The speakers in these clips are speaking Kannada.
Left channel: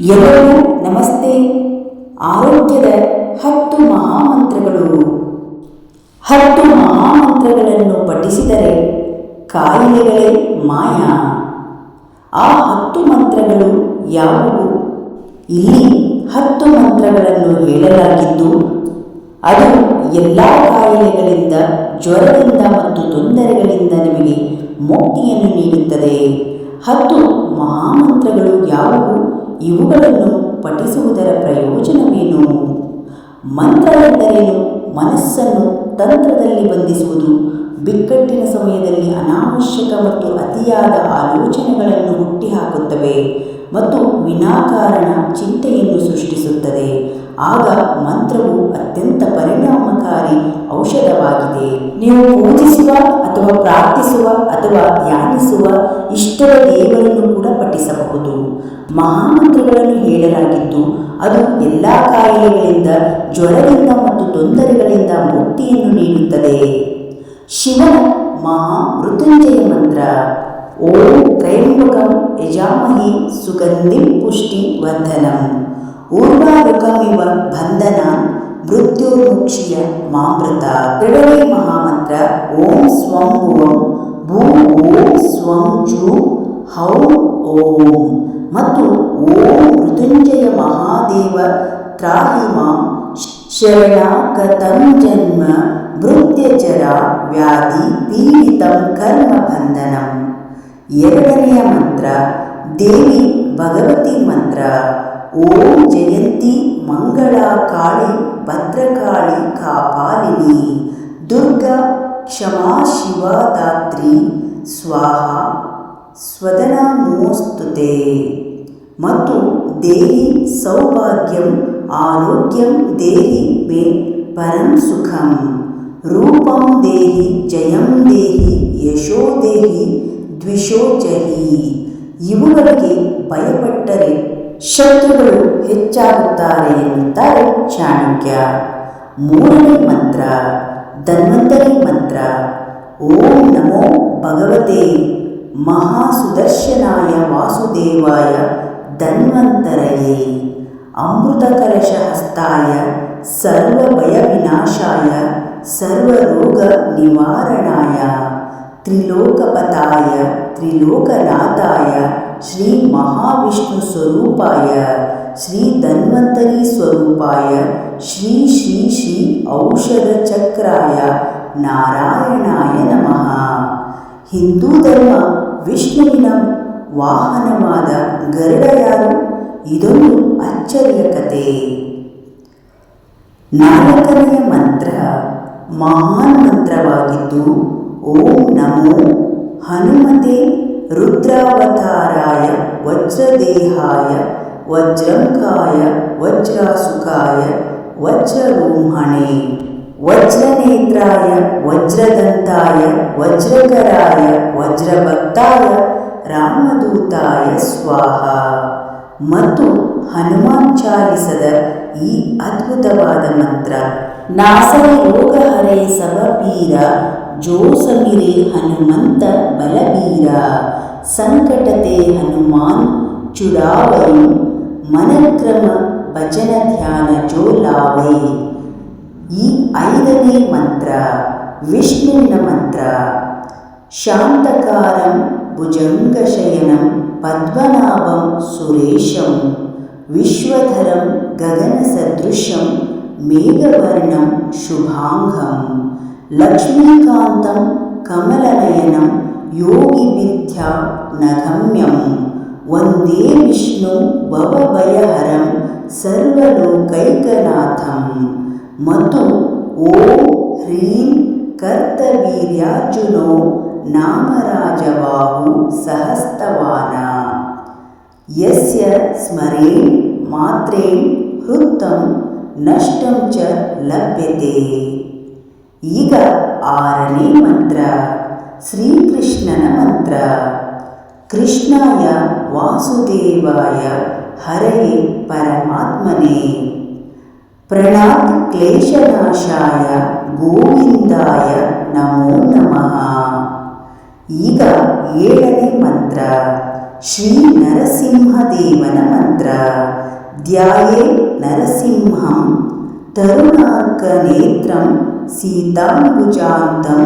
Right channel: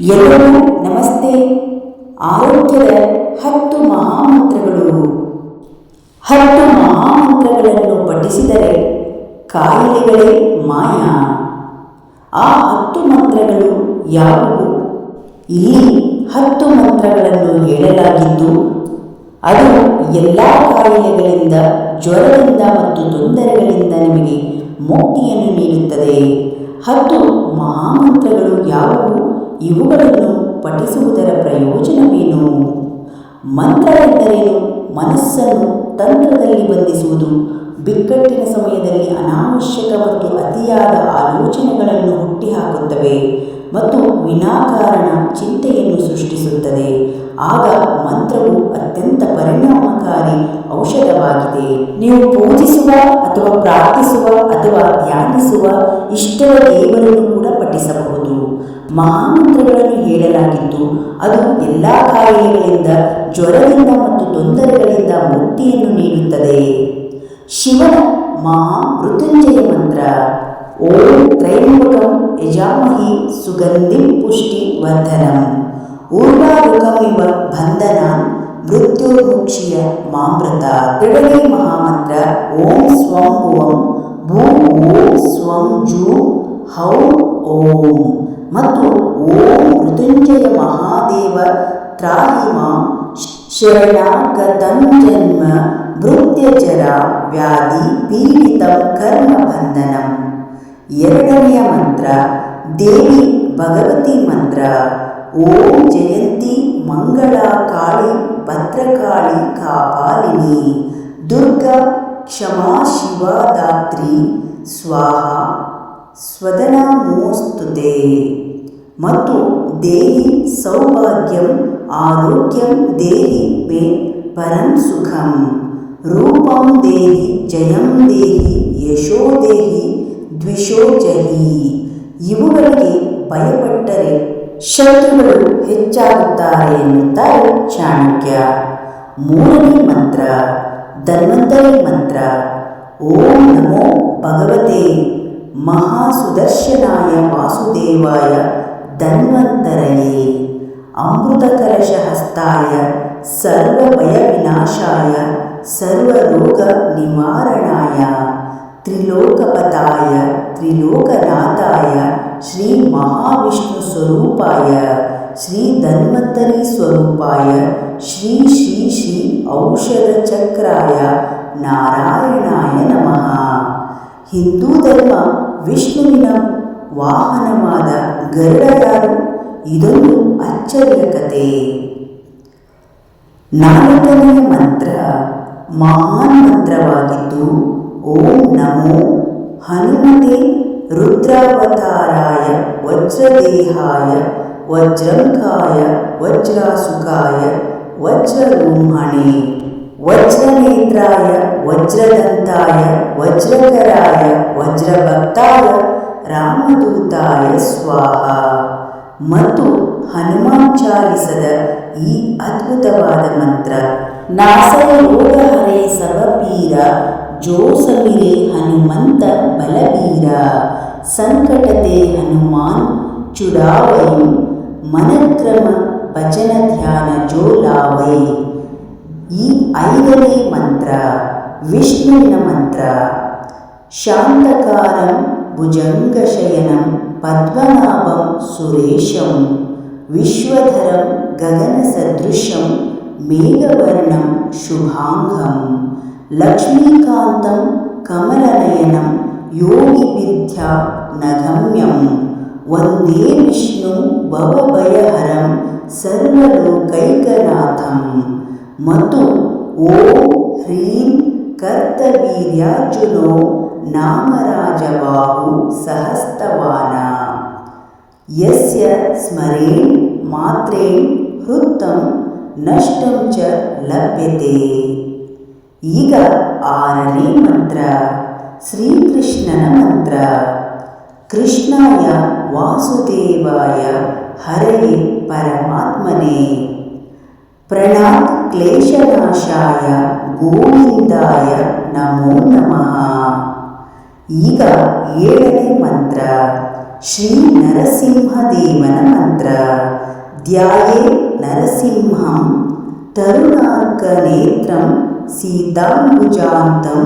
ಎಲ್ಲರಿಗೂ ನಮಸ್ತೆ. ಆರೋಗ್ಯದ ಹತ್ತು ಮಹಾಮಂತ್ರಗಳು. ಹತ್ತು ಮಹಾಮಂತ್ರಗಳನ್ನು ಪಠಿಸಿದರೆ ಕಾಯಿಲೆಗಳೇ ಮಾಯ. ಆ ಹತ್ತು ಮಂತ್ರಗಳು ಯಾವುವು? ಇಲ್ಲಿ ಹತ್ತು ಮಂತ್ರಗಳನ್ನು ಹೇಳಲಾಗಿದ್ದು, ಅದು ಎಲ್ಲ ಕಾಯಿಲೆಗಳಿಂದ, ಜ್ವರದಿಂದ ಮತ್ತು ತೊಂದರೆಗಳಿಂದ ನಿಮಗೆ ಮುಕ್ತಿಯನ್ನು ನೀಡುತ್ತದೆ. ಹತ್ತು ಮಹಾಮಂತ್ರಗಳು ಯಾವುವು? ಇವುಗಳನ್ನು ಪಠಿಸುವುದರ ಪ್ರಯೋಜನವೇನು? ಮಂತ್ರ ಎಂದರೇನು? ಮನಸ್ಸನ್ನು ತಂತ್ರದಲ್ಲಿ ಬಂಧಿಸುವುದು, ಬಿಕ್ಕಟ್ಟಿನ ಸಮಯದಲ್ಲಿ ಅನಾವಶ್ಯಕ ಮತ್ತು ಅತಿಯಾದ ಆಲೋಚನೆಗಳನ್ನು ಹುಟ್ಟಿಹಾಕುತ್ತವೆ ಮತ್ತು ವಿನಾಕಾರಣ ಚಿಂತೆಯನ್ನು ಸೃಷ್ಟಿಸುತ್ತದೆ. ಆಗ ಮಂತ್ರವು ಅತ್ಯಂತ ಪರಿಣಾಮಕಾರಿ ಔಷಧವಾಗಿದೆ. ನೀವು ಪೂಜಿಸುವ ಅಥವಾ ಪ್ರಾರ್ಥಿಸುವ ಅಥವಾ ಧ್ಯಾನಿಸುವ ಇಷ್ಟದ ದೇವರನ್ನು ಕೂಡ ಪಠಿಸಬಹುದು. ಮಹಾಮಂತ್ರಗಳನ್ನು ಹೇಳಲಾಗಿತ್ತು. ಅದು ಎಲ್ಲ ಕಾಯಿಲೆಗಳಿಂದ, ಜ್ವರದಿಂದ ಮತ್ತು ತೊಂದರೆಗಳಿಂದ ಮುಕ್ತಿಯನ್ನು ನೀಡುತ್ತದೆ. ಶಿವನ ಮಹಾ ಮೃತ್ಯುಂಜಯ ಮಂತ್ರ. ಓಂ ತ್ರೈಂಬಕಂ ಯಜಾಮಹಿ ಸುಗಂಧಿ ಪುಷ್ಟಿ ವರ್ಧನಂ. ಊರ್ವಾರುಕಮಿವ ಬಂಧನ ಮೃತ್ಯುರ್ಮುಕ್ಷಿಯ ಮಾಮೃತ ತ್ರಿವಳಿ ಮಹಾಮಂತ್ರ. ಓಂ ಸ್ವಂ ಭುವಂ ಭೂ ಓಂ ಸ್ವಂ ಜೂ ಹೌ ಓಂ. ಮತ್ತು ಓಂ ಮೃತ್ಯುಂಜಯ ಮಹಾದೇವ ತ್ರಾಹಿ ಮಾಂ ಶರಣಾಗತಂ ಜನ್ಮ ಮೃತ್ಯಜರ ವ್ಯಾಧಿ ಪೀಡಿತಂ ಕರ್ಮ ಬಂಧನಂ ಎರಡನೆಯ ಮಂತ್ರ ದೇವಿ ಭಗವತಿ ಮಂತ್ರ ಓಂ ಜಯಂತಿ ಮಂಗಳ ಕಾಳಿ ಭದ್ರಕಾಳಿ ಕಾಪಾಲಿನಿ ದುರ್ಗಾ ಕ್ಷಮಾ ಶಿವದಾತ್ರಿ ಸ್ವಾಹ ಸ್ವದನಾಮೋಸ್ತುತೆ ಮತ್ತು ದೇಹಿ ಸೌಭಾಗ್ಯಂ ಆರೋಗ್ಯಂ ದೇಹಿ ಮೇ ಪರಂ ಸುಖಂ. ರೂಪಂ ದೇಹಿ ಜಯಂ ದೇಹಿ ಯಶೋ ದೇಹಿ ದ್ವಿಷೋ ಜಹಿ. ಇವುಗಳಿಗೆ ಭಯಪಟ್ಟರೆ ಶತ್ರುಗಳು ಹೆಚ್ಚಾಗುತ್ತಾರೆ ಎನ್ನುತ್ತಾರೆ ಚಾಣಕ್ಯ. ಮೂರನೇ ಮಂತ್ರ. ಧನ್ವಂತರಿ ಮಂತ್ರ. ಓಂ ನಮೋ ಭಗವತೆ. महासुदर्शनाय वासुदेवाय धन्वन्तरये अमृतकलशहस्ताय सर्वभयविनाशाय सर्वरोगनिवारणाय त्रिलोकपताय त्रिलोकनाथाय श्रीमहाविष्णुस्वरूपाय श्रीधन्वन्तरीस्वरूपाय श्री श्री श्री औषधचक्राय नारायणाय नमः। हिन्दूधर्म ವಿಷ್ಣುವಿನ ವಾಹನವಾದ ಗರುಡ ಯಾರು ಇದೊಂದು ಅಚ್ಚರಿಯ ಕತೆ. ನಾಲ್ಕನೆಯ ಮಂತ್ರ ಮಹಾನ್ ಮಂತ್ರವಾಗಿದ್ದು, ಓಂ ನಮೋ ಹನುಮತೆ ರುದ್ರಾವತಾರಾಯ ವಜ್ರದೇಹಾಯ ವಜ್ರಂಕಾಯ ವಜ್ರಾಸುಕಾಯ ವಜ್ರರೋಹಣೆ. ವಜ್ರನೇತ್ರಾಯ, ವಜ್ರದಂತಾಯ, ವಜ್ರಕರಾಯ, ವಜ್ರಭಕ್ತಾಯ, ರಾಮದೂತಾಯ ಸ್ವಾಹ. ಮತ್ತು ಹನುಮಾನ್ ಚಾಲಿಸದ ಈ ಅದ್ಭುತವಾದ ಮಂತ್ರ, ನಾಸರ ರೋಗ ಹರೆ ಸಬಪೀರ ಜೋ ಸಮಿರೆ ಹನುಮಂತ ಬಲಬೀರ. ಸಂಕಟತೆ ಹನುಮಾನ್ ಚುಡಾವೈ ಮನಕ್ರಮ ಭಜನ ಧ್ಯಾನ ಜೋ ಲಾವೈ ಈ ಐದನೇ ಮಂತ್ರ ವಿಷ್ಣುವಿನ ಮಂತ್ರ ಶಾಂತಕಾರಂ ಭುಜಂಗಶಯನಂ ಪದ್ಮನಾಭಂ ಸುರೇಶಂ ವಿಶ್ವಧರಂ ಗಗನಸದೃಶಂ ಮೇಘವರ್ಣಂ ಶುಭಾಂಗಂ ಲಕ್ಷ್ಮೀಕಾಂತಂ ಕಮಲನಯನಂ ಯೋಗಿವಿದ್ಯಾ ನಗಮ್ಯಂ ವಂದೇ ವಿಷ್ಣು ಭವಭಯಹರಂ ಸರ್ವಲೋಕೈಕನಾಥಂ ಮತ್ತು ಓಂ ಹ್ರೀಂ ಕರ್ತವೀರ್ಯಾರ್ಜುನೋ ನಾಮರಾಜಬಾಹು ಸಹಸ್ತವಾನ ಯಸ್ಯ ಸ್ಮರೇಣ್ ಮಾತ್ರೇಣ್ ಹೃತ್ತಂ ನಷ್ಟಂ ಚ ಲಭ್ಯತೆ ಈಗ ಆರನೇ ಮಂತ್ರ ಶ್ರೀಕೃಷ್ಣನ ಮಂತ್ರ ಕೃಷ್ಣಾಯ ವಾಸುದೇವಾಯ ಹರಯೇ ಪರಮಾತ್ಮನೇ ಪ್ರಣಾತ್ ಕ್ಲೇಶನಾಶಾಯ ಗೋವಿಂದಾಯ ನಮೋ ನಮಃ ಈಗ ಏಳನೇ ಮಂತ್ರ ಶ್ರೀ ನರಸಿಂಹದೇವನ ಮಂತ್ರ ಧ್ಯಾಯೇ ನರಸಿಂಹಂ ತರುಣಾರ್ಕನೇತ್ರಂ ಸೀತಾಂಬುಜಾಂತಂ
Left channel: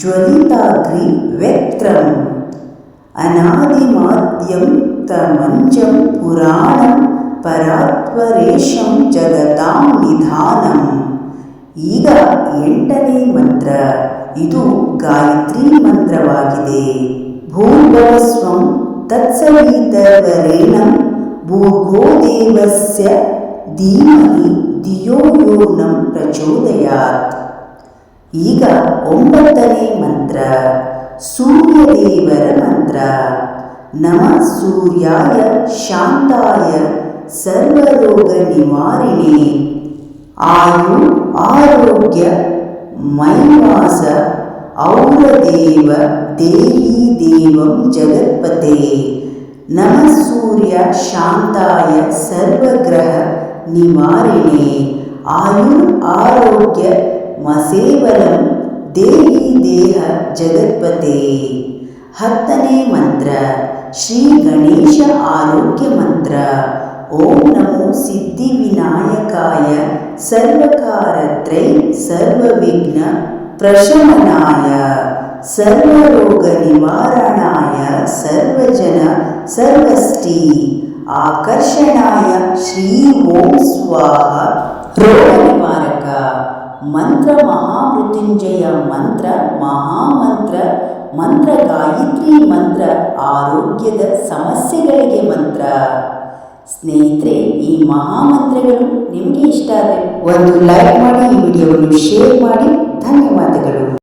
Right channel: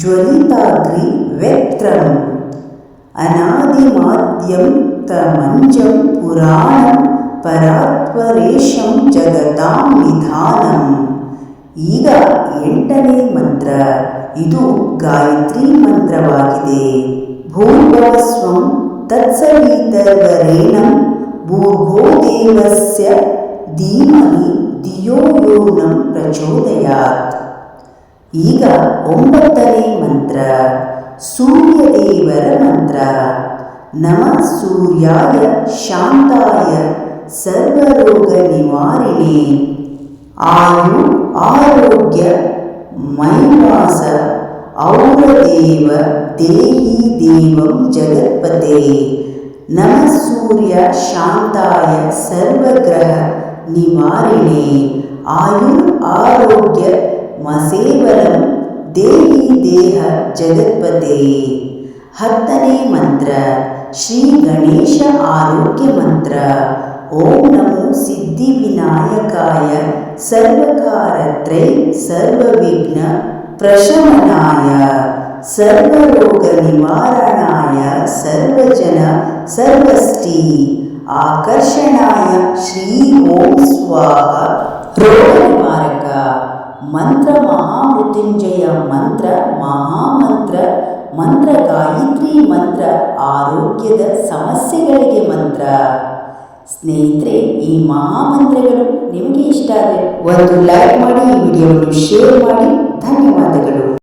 ಜ್ವಲಿತಾಗ್ರಿ ವ್ಯಕ್ತ್ರಂ ಅನಾದಿಮಾದ್ಯಂ ತಮಂಜಂ ಪುರಾಣಂ ಪರಾತ್ವರೇಶಂ ಜಗತಾಂ ನಿಧಾನಂ. ಈಗ ಎಂಟನೇ ಮಂತ್ರ. ಇದು ಗಾಯತ್ರಿ ಮಂತ್ರವಾಗಿದೆ. ಭೂರ್ಭವಸ್ವಂ ತತ್ಸವಿತರ್ವರೇಣಂ ಭೂರ್ಗೋ ದೇವಸ್ಯ ಧೀಮಹಿ ಧಿಯೋ ಯೋ ನಂ ಪ್ರಚೋದಯಾತ್. ಈಗ ಒಂಬತ್ತನೇ ಮಂತ್ರ. ಸೂರ್ಯದೇವರ ಮಂತ್ರ. ನಮ ಸೂರ್ಯಾಯ ಶಾಂತಾಯ सर्वरोगनिवारिणे आयु आरोग्य मैवास औरदेव देहि देवं जगत्पते नमः सूर्यशान्ताय सर्वग्रह निवारिणे आयु आरोग्य मसेवलं देहि देह जगत्पते हत्तने मन्त्र श्रीगणेश आरोग्यमन्त्र। ॐ नमो सिद्धिविनायकाय सर्वकारत्रै सर्वविघ्नप्रशमनाय सर्वरोगनिवारणाय सर्वजन सर्वस्थी आकर्षणाय श्री ॐ स्वाहा। रोगनिवारक। मन्त्रमहामृत्युञ्जय मन्त्र महामन्त्र मन्त्रगा ಗಾಯತ್ರಿ ಮಂತ್ರ, ಆರೋಗ್ಯದ ಸಮಸ್ಯೆಗಳಿಗೆ ಮಂತ್ರ. ಸ್ನೇಹಿತರೆ, ಈ ಮಹಾಮಂತ್ರಗಳು ನಿಮಗೆ ಇಷ್ಟ ಆದರೆ ಒಂದು ಲೈಕ್ ಮಾಡಿ, ಈ ವಿಡಿಯೋವನ್ನು ಶೇರ್ ಮಾಡಿ. ಧನ್ಯವಾದಗಳು.